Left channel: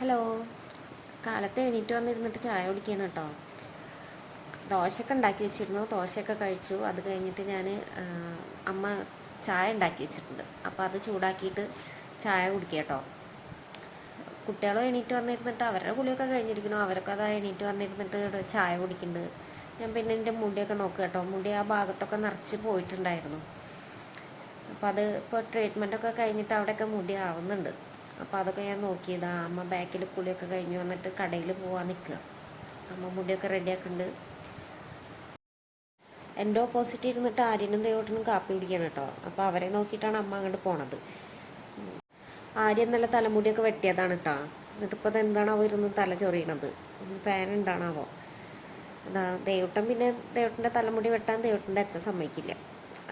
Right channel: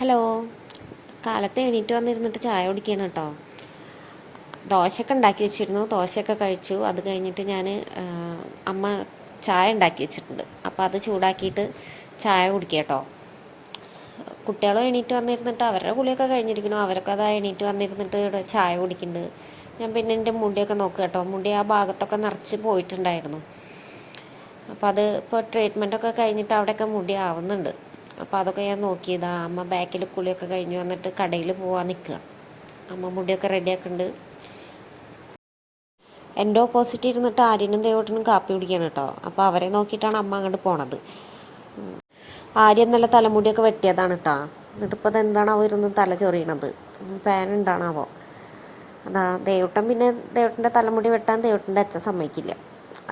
Hello. കാലത്ത് എണീറ്റ് വന്നിരുന്നിട്ട് ചായ കുടിക്കണം കേട്ടോ. ദോശയൊക്കെ ഉണ്ടാക്കി വെച്ചിരുന്നു, ദോശയൊക്കെ കഴിച്ചു. അത് കഴിഞ്ഞിട്ട് ഞാൻ അമ്മ ചായ ഉണ്ടാക്കി വെച്ചിട്ടുണ്ട്, അപ്പോൾ അത് ചൂടാക്കിയിട്ട് ചായ കുടിക്കുക കേട്ടോ. കുട്ടികളും എണീറ്റ് വന്നിരുന്നിട്ട് അവരുടെ കുളിയൊക്കെ കഴിഞ്ഞിരിക്കുന്നു, അവരൊക്കെ അതാ എണീറ്റ് വന്നിരുന്നിട്ട് ചായ കുടിക്കുന്നുണ്ട്. ഞാൻ പിന്നെ എൻ്റെ മുടിയൊക്കെ നോക്കുക കേട്ടോ. മുടി ആ ഭാഗത്തൊക്കെ നിറച്ച് പോയിട്ടുണ്ടായിരുന്നു. അപ്പോൾ അത് ഇപ്പോൾ ട്രീറ്റ്മെൻറ്റൊക്കെ കഴിഞ്ഞിട്ട് അവിടെയൊക്കെ മുടി ആവുന്നുണ്ട്. അപ്പോൾ അതൊക്കെ ഞാൻ നോക്കിയതാ. അമ്മ ബാക്കിൽ കുളിയൊക്കെ കഴിഞ്ഞ് വന്നിട്ട് കടയിൽ പോകാൻ നിൽക്കുക. അമ്മ മുടിയൊക്കെ റെഡിയാക്കുന്നുണ്ട്. എൻ്റെ ഓപ്പോസിറ്റ് ഇരുന്നിട്ട് ആര്യനും ദേവോട്ടനും കാപ്പി കുടിക്കണം കേട്ടോ. അപ്പോൾ അവരെ നോക്കിയിട്ടാണ് അമ്മ അങ്ങോട്ട് പോണത്. ആര്യൻ നല്ല തലമുടിയൊക്കെ വെട്ടിയതാണ് കേട്ടോ. എന്നിട്ടിപ്പോൾ അതെന്താണാവോ ഇരുന്ന് തല ചൊറിയണത്, പാൻ ഉണ്ടാണാവോ. അതാ ദേവട്ടൻ, പിന്നെ ദേവട്ടൻ്റെ തലമുടി വെട്ടാൻ ദേവട്ടൻ്റെ അച്ഛൻ സമ്മതിക്കില്ല.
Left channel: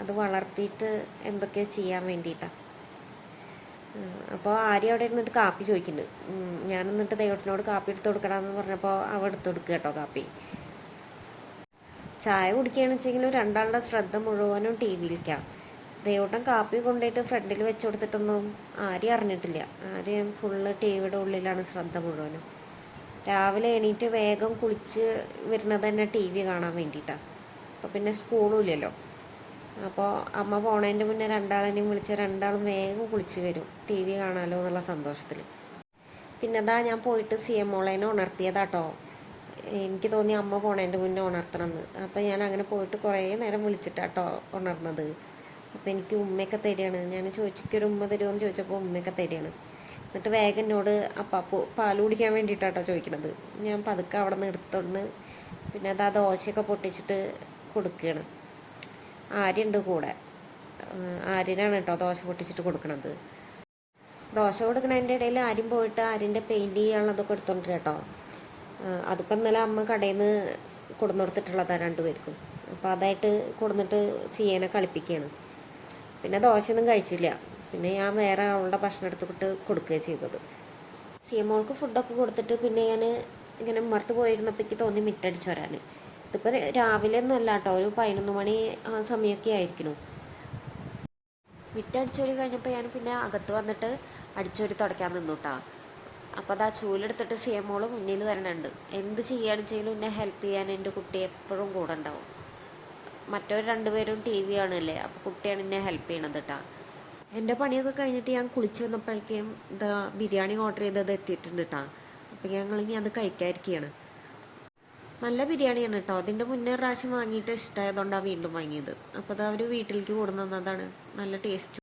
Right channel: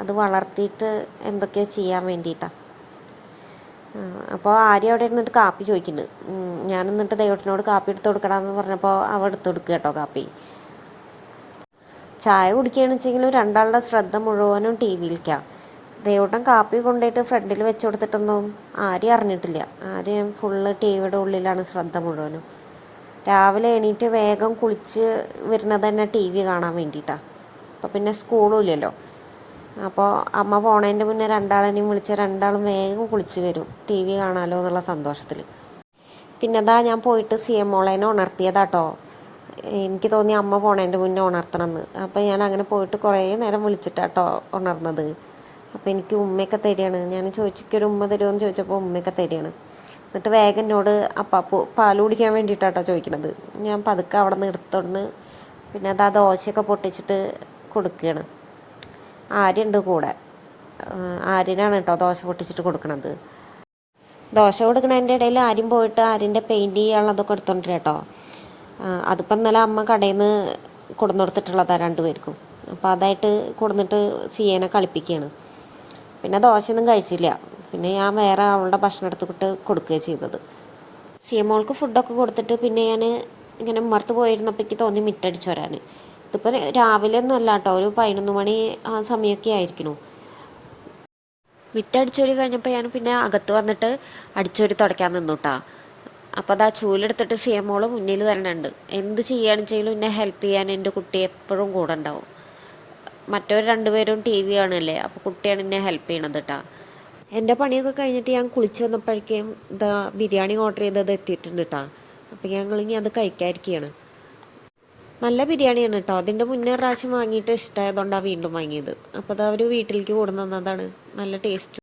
അത് വളർത്തിയിട്ട് എന്തൊക്കെയോ ചെയ്യാൻ വേണ്ടിയിട്ടാണ്. അപ്പോൾ ആര്യ അവിടെ ഇരുന്നിട്ട് കാപ്പി ചോദിക്കുന്നുണ്ട്. ഞാൻ എന്നിട്ട് ദേവട്ടനോട് കാപ്പി എടുത്ത് കൊടുക്കണമെന്ന് പറഞ്ഞപ്പോൾ അവ എടുത്ത് കൊടുക്കുക കേട്ടോ കാപ്പി. ചായ കുടിക്കുകയാണെന്ന് വെച്ചെങ്കിലും രണ്ടാളുടെ ശ്രദ്ധ മുഴുവനും ടി വിയിലേക്കാണ്. ദേവട്ടൻ കാപ്പി കൊണ്ടുപോയിട്ട് ഫ്രണ്ടിൽ വെച്ച് കൊടുത്തിട്ടൊന്നും ആര്യം അറിഞ്ഞിട്ടില്ല. ആര്യം ഫുള്ള് ടി വിയുടെ ഉള്ളിലാണ് ശ്രദ്ധ മുഴുവനും. രാവിലെ എണീറ്റ് വേഗം കുളിച്ച് വരുന്നത് തന്നെ ടി വി കാണാൻ വേണ്ടിയിട്ടാണ്. അപ്പോൾ പിന്നെ സ്കൂളും ഇല്ലല്ലോ. അപ്പോൾ അമ്മ പോണതിൻ്റെ മുന്നേ രണ്ടാളെയും വിളിച്ച രണ്ടാളും വേഗം കുളിച്ച് വരും, ടി വി കാണാമല്ലോ എന്നുള്ള സന്തോഷത്തിൽ. പിന്നെ അതാ ഞാൻ പോയിട്ട് സിയമോളേനെ ഉണർത്തിയതാട്ടോ. എനിക്ക് തോന്നി അമ്മ പോണതിൻ്റെ മുന്നേ ഉണർത്തണമെന്ന്. അപ്പോൾ ഞാൻ അങ്ങനെ പോയിട്ട് കുറേ നേരം വിളിച്ചിട്ടാട്ടോ ഉണർന്നത്. അപ്പോൾ എനിക്ക് ഉമ്മയൊക്കെ തരികയാണ്. ഞാൻ ചോദിച്ചൊരു ഉമ്മ തരുമോയെന്ന് ചോദിച്ചപ്പോൾ ഉമ്മയൊക്കെ തരികയാണ്. എന്നിട്ട് വേഗം എന്നോട് അപ്പാപ്പു പാൽ കുടിക്കാൻ വേണ്ടിയിട്ടാട്ടോ ചോദിക്കണത്. ഞാൻ പതുക്കെ അവിടെ നിന്ന് എടുത്തോണ്ട് പിന്നെ അത് ആ ദോശയൊക്കെ പൊട്ടിച്ചിട്ട് കൊടുക്കുകയാണ്. ആര്യണ്ട് കൂടെ. ആര്യനാണ് കേട്ടോ ദോശ പൊട്ടിച്ചിട്ട് കൊടുക്കണത്. ദോശ കൊടുക്കണതിൻ്റെ ഇടയിൽ ആര്യം പോയിട്ട് ആര്യൻ്റെ പെയിൻറ്റ് ചെയ്യാനുള്ളതൊക്കെ എടുത്തോണ്ട് കേട്ടോ. അതിപ്പോൾ ഇന്നലെ അമ്മ കടയിൽ നിന്ന് കൊടുന്നെടുത്തിട്ടുള്ളതാണ് രണ്ടുപേർക്കും. അപ്പോൾ അതായിട്ട് കൊടുന്നിട്ട് ചെയ്യാനെ കളിപ്പിക്കുകയാണ്. പിന്നെ ദോശയൊന്നും കഴിച്ചില്ല. പിന്നെ ഞാൻ വേറെ അവളുടെ ഭക്ഷണം എടുത്തിട്ട് കൊടുക്കുകയാണ് ചെയ്തത്. സിയമോൾക്ക് ഫുഡൊക്കെ കൊടുത്തിട്ട് പിന്നെ ഞാൻ ഇങ്ങനെ ഉമ്മർത്ത് പോയിരുന്നപ്പോഴേക്ക് തോന്നി മിറ്റടിച്ച് വരാൻ. ഇതിപ്പോൾ രാവിലെ ഒന്നും അല്ല കേട്ടോ, ഒരു 11 മണി ആ സമയമൊക്കെ ആയിരിക്കണു. മിറ്റടിച്ചോരി കഴിഞ്ഞപ്പോൾ ഞാൻ പിന്നെ അകത്ത് വന്നിട്ട് അടിച്ചോരി തുടയ്ക്കാൻ നിന്നു കേട്ടോ. അപ്പോൾ അത് ആ ചൂലെടുത്തിട്ട് സിയമോള് മുന്നിൽ തന്നെ ഉണ്ട്. എന്ത് ചെയ്യുകയാണെന്ന് എന്നെ ഹെൽപ്പ് ചെയ്യാൻ എൻ്റെ കുട്ടി എപ്പോഴും കൂടെ ഉണ്ടാവും. മറ്റവർ രണ്ടുപേരും ടി വി കാണുമല്ലേ, അപ്പോൾ കുട്ടിയാണ് എന്നെ ഹെൽപ്പ് ചെയ്യണത് കേട്ടോ. എൻ്റെ പണിയൊക്കെ കഴിഞ്ഞിട്ട് ഞാൻ കുളിച്ച് വന്നപ്പോഴേക്കും ഇതാ ബിരിയാണി ഓർഡർ ചെയ്തത് എത്തിയിട്ടുണ്ട് കേട്ടോ. അപ്പോൾ ഞങ്ങളിനി അത് കഴിക്കാതിരിക്കുകയാണ്. നല്ല ബിരിയാണിയാണ് കേട്ടോ. അതിൻ്റെ മുന്നേ പ്രാവശ്യം വാങ്ങിയിട്ട് ഇഷ്ടമായതുകൊണ്ടാണ് വീണ്ടും വാങ്ങിയത്. അപ്പോൾ അത് അവർ വീട്ടിലേക്ക് കൊണ്ടുവന്നതാണ്. നല്ല ടേസ്റ്റ്.